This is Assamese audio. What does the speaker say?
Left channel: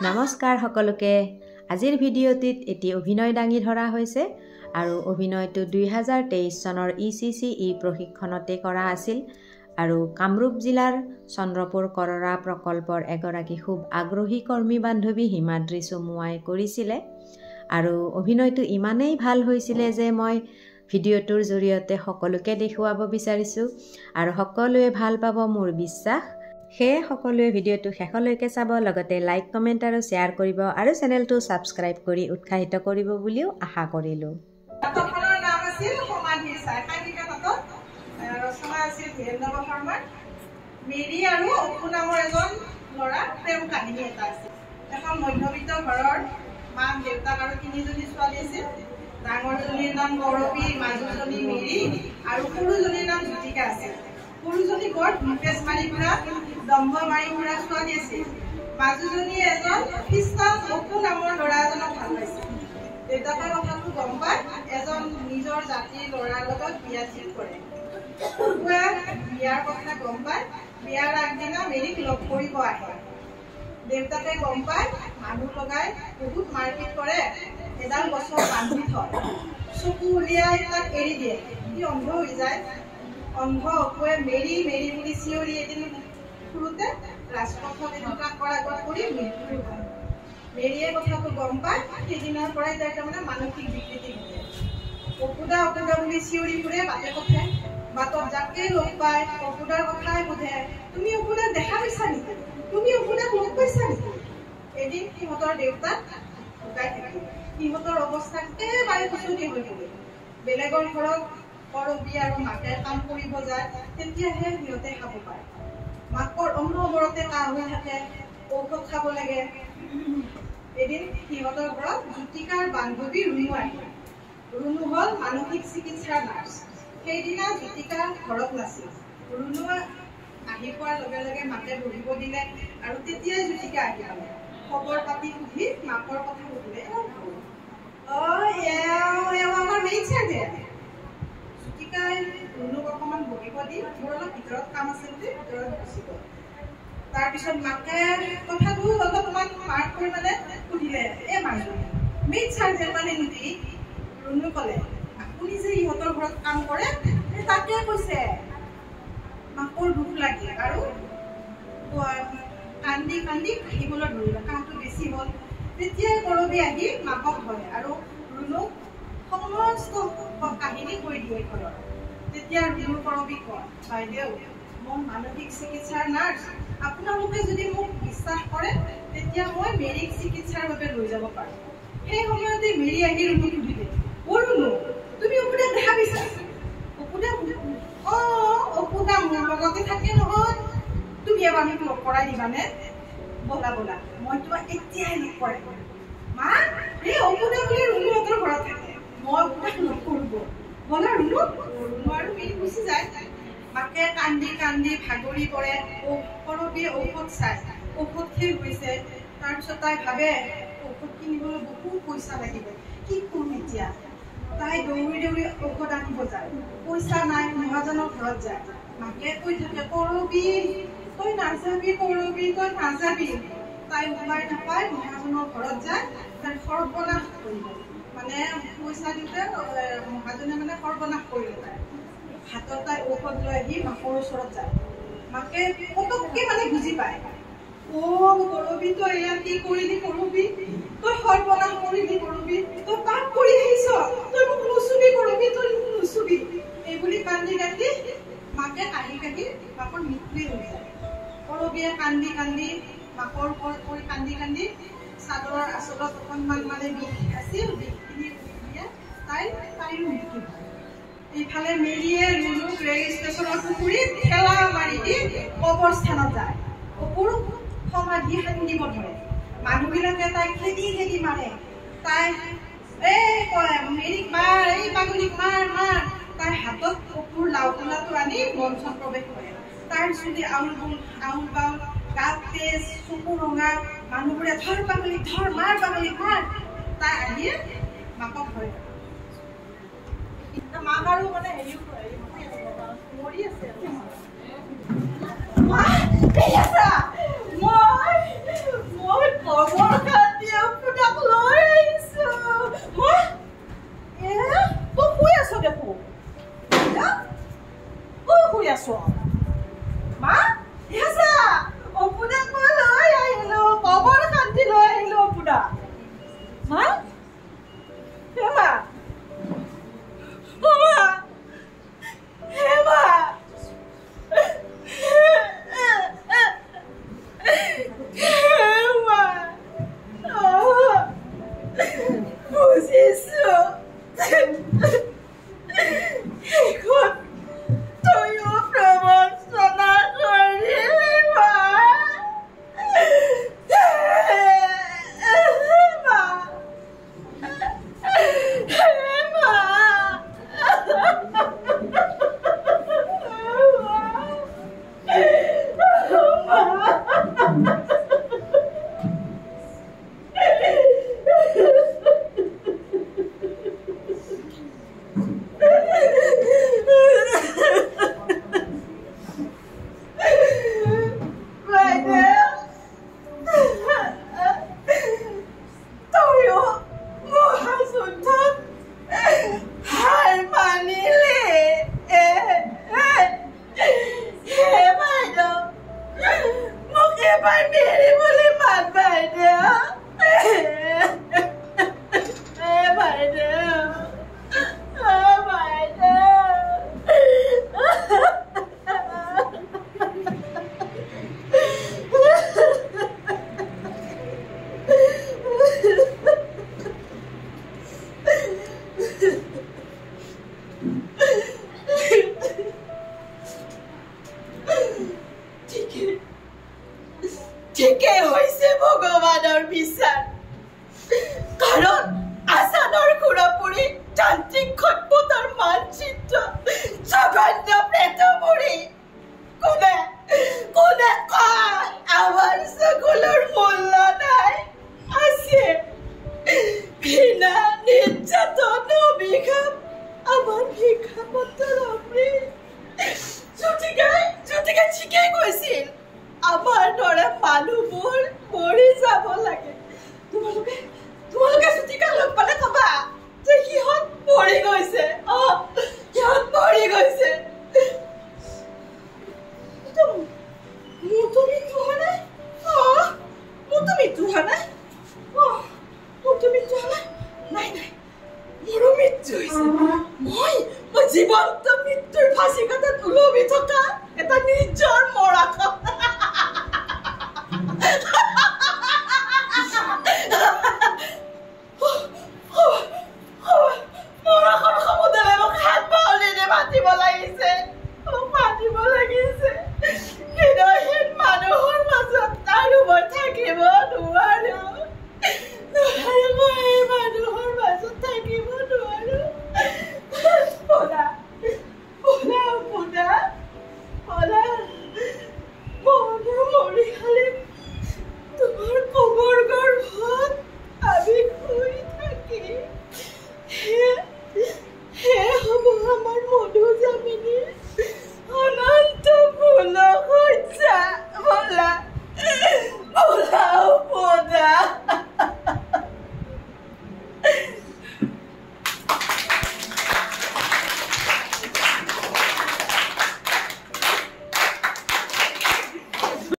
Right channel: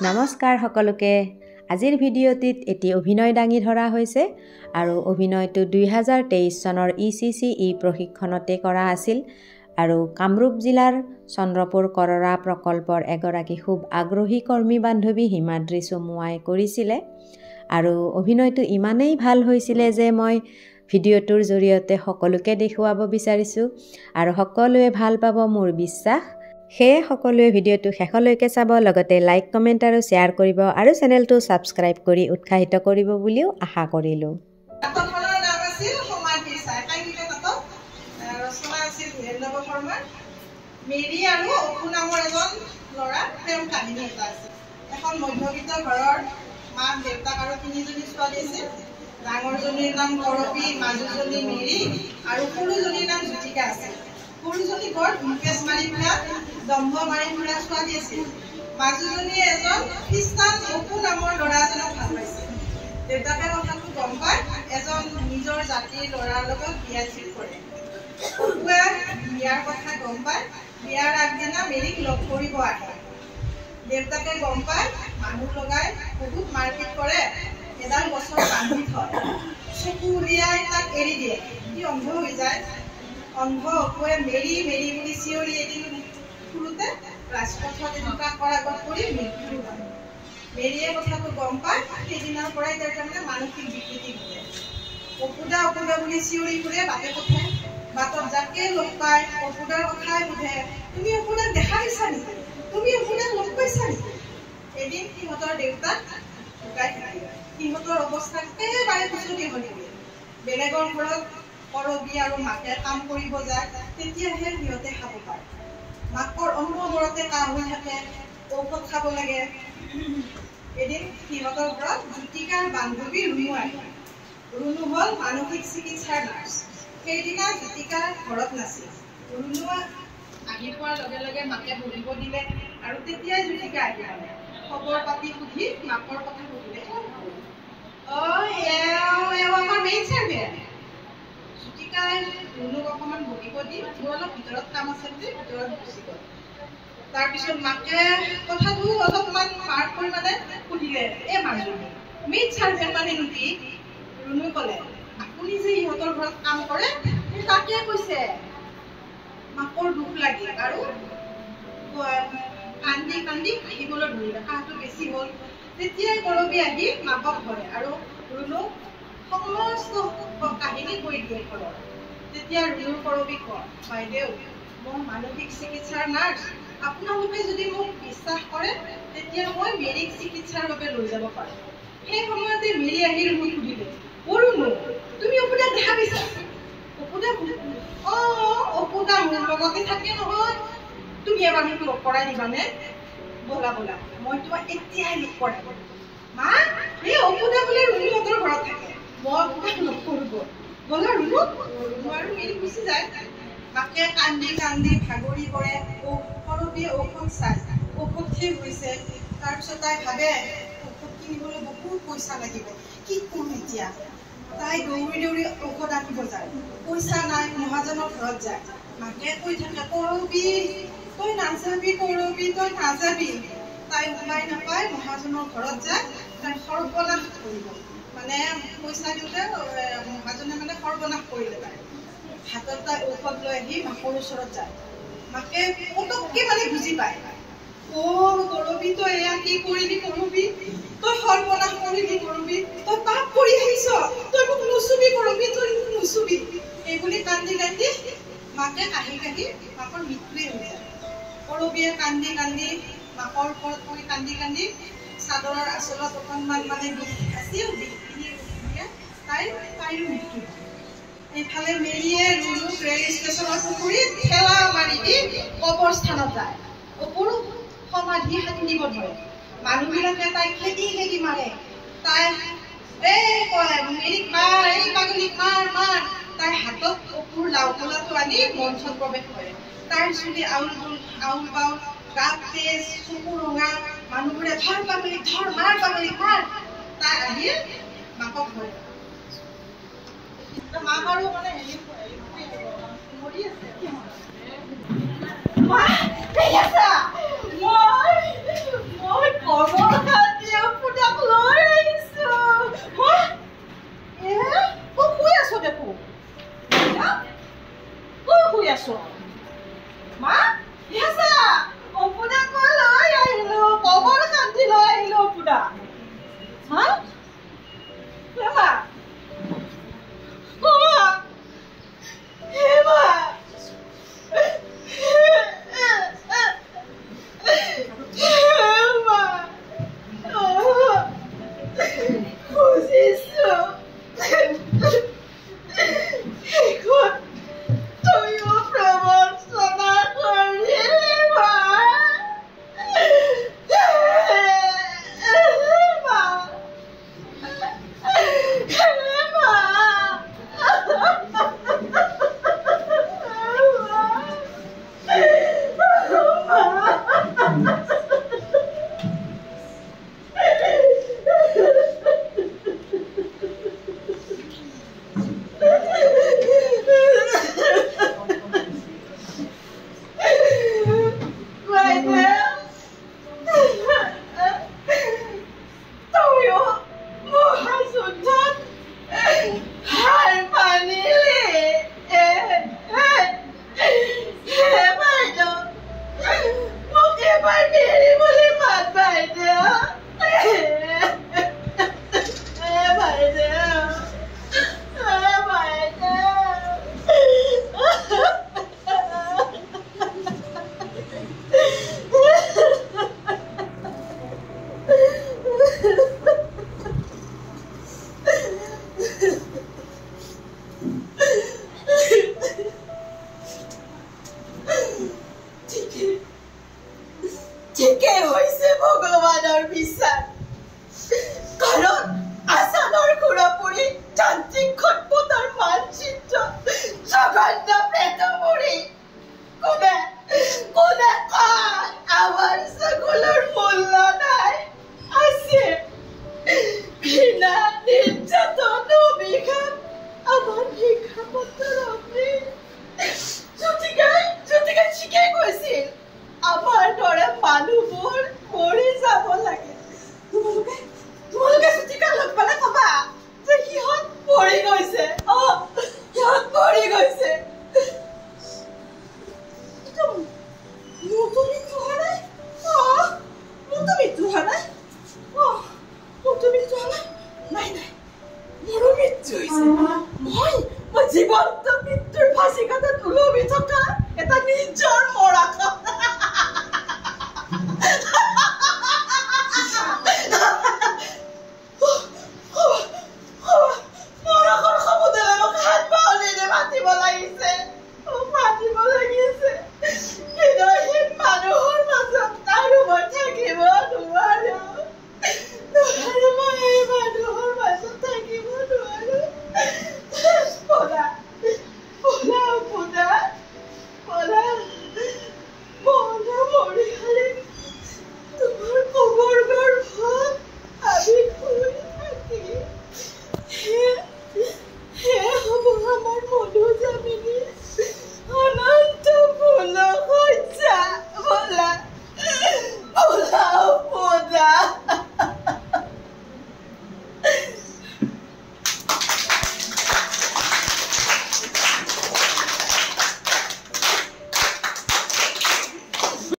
নমস্কাৰ সকলোকে আজিৰ ভিডিঅ'টিত এটি অভিনয় দাঙি ধৰা হৈছে আৰু অভিনয়টো 2023 চনৰ ECCE প্ৰশিক্ষণতে কৰা আছিল আৰু কামৰূপ জিলাৰ চন্দ্ৰপুৰ কৰৰা প্ৰকল্পৰ এগৰাকী খুব আগ্ৰহী কৰ্মী বান্ধৱী হিমাদ্ৰী চমুৱাই কৰিছিলে আৰু অভিনয়টো ইমানেই ভাল হৈছিলে যে মই ভিডিঅ'টোৰ জৰিয়তে সকলোকে দেখুৱাব বিচাৰিছো আৰু সকলোৱে ভাল পাব মোৰ বিশ্বাস হে সকলোৱে ভিডিঅ'টো শেষলৈকে চাব লগতে লাইক কমেন্ট আৰু শেয়াৰ কৰিব আৰু চেনেলটো সাবস্ক্ৰাইব কৰি উৎসাহিত কৰিব বুলিও আশা কৰিলো নাটকখনৰ নাম আছিল সমাধি চাই কাহিনীটা নাটক ৰচনা আছিল ধীৰেন্দ্ৰ শৰ্মাৰ মেৰী আৰু অপু নামৰ এজন ল'ৰা প্ৰেম কাহিনী এটা আছিল এখন মধ্যবিত্ত ঘৰৰ মাক দেউতাক আৰু তিনিজনী ছোৱালী আছিল ডাঙৰজনীৰ নাম কৰবী মাজুজনী মেৰী আৰু সৰুজনীৰ নাম জ্যোতিকা আছিল সৰুজনী বৰ ধুমপেচ মাৰি ফুৰা দম্ভ মাৰি ফুৰা ছোৱালী আছিল মাজুজনীয়ে এজন খ্ৰীষ্টান অপু নামৰ ল'ৰা এজনক ভাল পাইছিল দেউতাকে কথাটো গম পাই এজন নিজৰ জাতিৰ ল'ৰাৰ লগত বিয়া ঠিক কৰে অপুৱে বিয়াৰ কথা গম পাই বিয়াৰ আগদিনা মেৰীক লগ কৰিব আহে দেউতাকে গম পাই মানুহ লগাই বহুত মাৰপিট কৰে এডাল গছৰ বান্ধি থয় চকু উলিয়াই তাক এৰি দিয়ে সি অন্ধ হৈ যায় অন্ধ অপুৱে মেৰী মেৰী বুলি চিঞৰি এদিন ফুৰোতে ৰাজপথত এনেকুৱা কৰাগত কৰি মৃত্যু হয় মেৰীয়ে কথাটো গম পায় সেইদিনাৰ পৰাই তাই তাৰমানে মানসিক বিকৃতি ঘটে অপুদা বুলি চিঞৰি ফুৰে বাটে পথে বাটত যাকে লগ পায় অপুদাৰ কথাই সোধে তুমি অপুদাক দেখা পাইছা নেকি তুমি অপুদাক লগ পাইছা নেকি এদিন সিহঁতৰ দেউতাক ঢুকাই থাকিল সিহঁতৰ অৱস্থা একেবাৰে কুচতি হৈ পৰিল বেলেগৰ ঘৰত কৰবী আৰু মাকে কাম কৰিব যায় তেতিয়াহে সিহঁতে খাব পাৰে মাকৰ অনবৰতে কাহ হৈ থাকে ঔষধ খাব লাগে এদিন সিহঁতৰ ঘৰত জ্যোতিকাৰ বান্ধৱী ৰুণু আহিল ৰুণু হ'ল মানসিক চিকিৎসাৰ নাৰ্ছ সেইদিনা জ্যোতিকা ঘৰত নাছিল ৰুণু আহি পোৱাৰ লগে লগে মাকে বহিব দিলে আৰু তেতিয়াই জ্যোতিকা আহি পালে খবৰ পাতি সুধি মাকৰ কথা সুধিলে আমাৰ মেইন চাৰ্ভেণ্ট জ্যোতিকাই ৰুণুক অকণমান বহিব দি মোৰ অলপ ভিতৰত কাম আছে বুলি ভিতৰত গুচি গ'ল তাৰপিছত মাকে কথাটো অলপমান মাৰ্ক কৰি মানে সুধিলে মাজুলী মেইন চাৰ্ভেণ্ট মানে নেকি ৰুণু ক'লে আপুনি যে ইহঁতৰ ঘৰত কাম কৰে তাকে কৈছে মাকৰ দুখ লাগিল আৰু কান্দি কান্দি কাহিবলৈ ধৰিলে কাহটো বেছি হ'ল তেতিয়াই কৰবী আহি মাকক ধৰে আৰু ৰুণুক সমস্ত কাহিনী কৈ দিয়ে ঘৰত তেতিয়া ৰুণুৰ কৰবী কয় বাইদেউ মই মানসিক চিকিৎসাৰ নাৰ্ছ আপোনালোকে যদি মোক বিশ্বাস কৰে তেতিয়া মই মেৰীক চিকিৎসাৰ বাবে লৈ যাব পাৰোঁ সেই সময়তে মেৰী আহি ৰুণুক সুধিলে ৰুণু তুমি অপুদাক দেখা পাইছা অপুদা অপুদা মোৰ লগতে থাকে নহয় তুমি এবাৰ মোক লগ কৰাই দিবানে বলা বলা মই তোমাক এতিয়াই লগ কৰাই মা এই অপুদা বোলে ৰুণুহঁতৰ ঘৰত থাকে মই অপুদাক লগ কৰিব বলা ৰুণু আৰু মেৰী গুচি যায় মাকে কান্দি কান্দি ভাগৰি পৰে কৰবীয়ে ঔষধ চাই ঔষধ শেষ হৈছে তাৰপিছত তাই ভাবে ঔষধ কিনিবলৈ বহুত পইচা লাগিব কি কৰিম এতিয়া তাই দৌৰি দৌৰি ঔষধ আনিব যায় পইচা নাই মহাজনৰ ঘৰত যায় মাকে কৈ থাকে কৰবী তই নাযাবি কৰবী তই নাযাবি তাই উপায় নাপায় মহাজনৰ ঘৰত যায় তাই সৰ্বনাশ কৰিব মানে পইচা দিওঁতে মহাজনে মানে সৰ্বনাশ কৰিলে তাই হাতত তাই ঔষধ লৈ আহি মাকৰ ওচৰত যায় মাকে পটককে মানে বুজি পায় কৰবী তই এয়া কি কৰিলি কৰবী তই সৰ্বনাশ কৰিলি কৰবী তই পাপ কৰি আহিছ তই মোক নুচুবি কৰবী তই মোক নুচুবি এইবুলি কান্দি কান্দি মাকে কাহি কাহি মাকৰ মৃত্যুৱে হৈ যায় কৰবীয়ে কান্দি কান্দি মাকৰ ওপৰত পৰি কান্দি কান্দি চাদৰৰ আঁচলত অকণমান মানে বিষ আছিল বিষখিনি তাইৰো মৃত্যু হয় এইফালে মেৰীয়ে ৰুণুক ৰেল ষ্টেচনৰ পুখুৰীত ঠেলা মাৰি দি কবৰস্থানত যায় অপুৰ সমাধি খান্দিব ধৰে মানুহবিলাকে তাইক খেদি খেদি মাৰে তাই কয় মেৰীক মাৰ এই পাগলীক মাৰ মাৰ তাই হাতত অপুৰ লাও খোলাটো আনি মঞ্চত প্ৰৱেশ কৰে তাইৰ চুলি আউল বাউল গাত তেজ চকু ৰঙা মানুহবোৰে ধৰ পাগলীক ধৰ মাৰ পাগলীক মাৰ তাই আহি মাকক ধৰে মাক আৰু মানে মৰি আছে মই খবৰ মা ইয়াসা অপুনা মই লৈ আহিলো কবৰ কান্দি লৈ আহিলো অপুনা মা হেমা মা হেমা ঠিকে হৈছে ভগৱানৰ বিচাৰ কাৰণ আসানৰ খুৰাপুৰী যান্ত্ৰিক খটপটাৰ মানচিত্ৰ জঘন্য প্ৰেতমুৰি কোনে কোনে কয় আমাৰ সকলৰ মূল্য নাই আছে ঘৃণা নিৰ্যাতন অভিশাপ আমাৰ ভিক্ষাপত্ৰৰ অমৃত জ্যোতিকাই ঠিকে কৈছিল আমাৰ দৰে মানুহবোৰ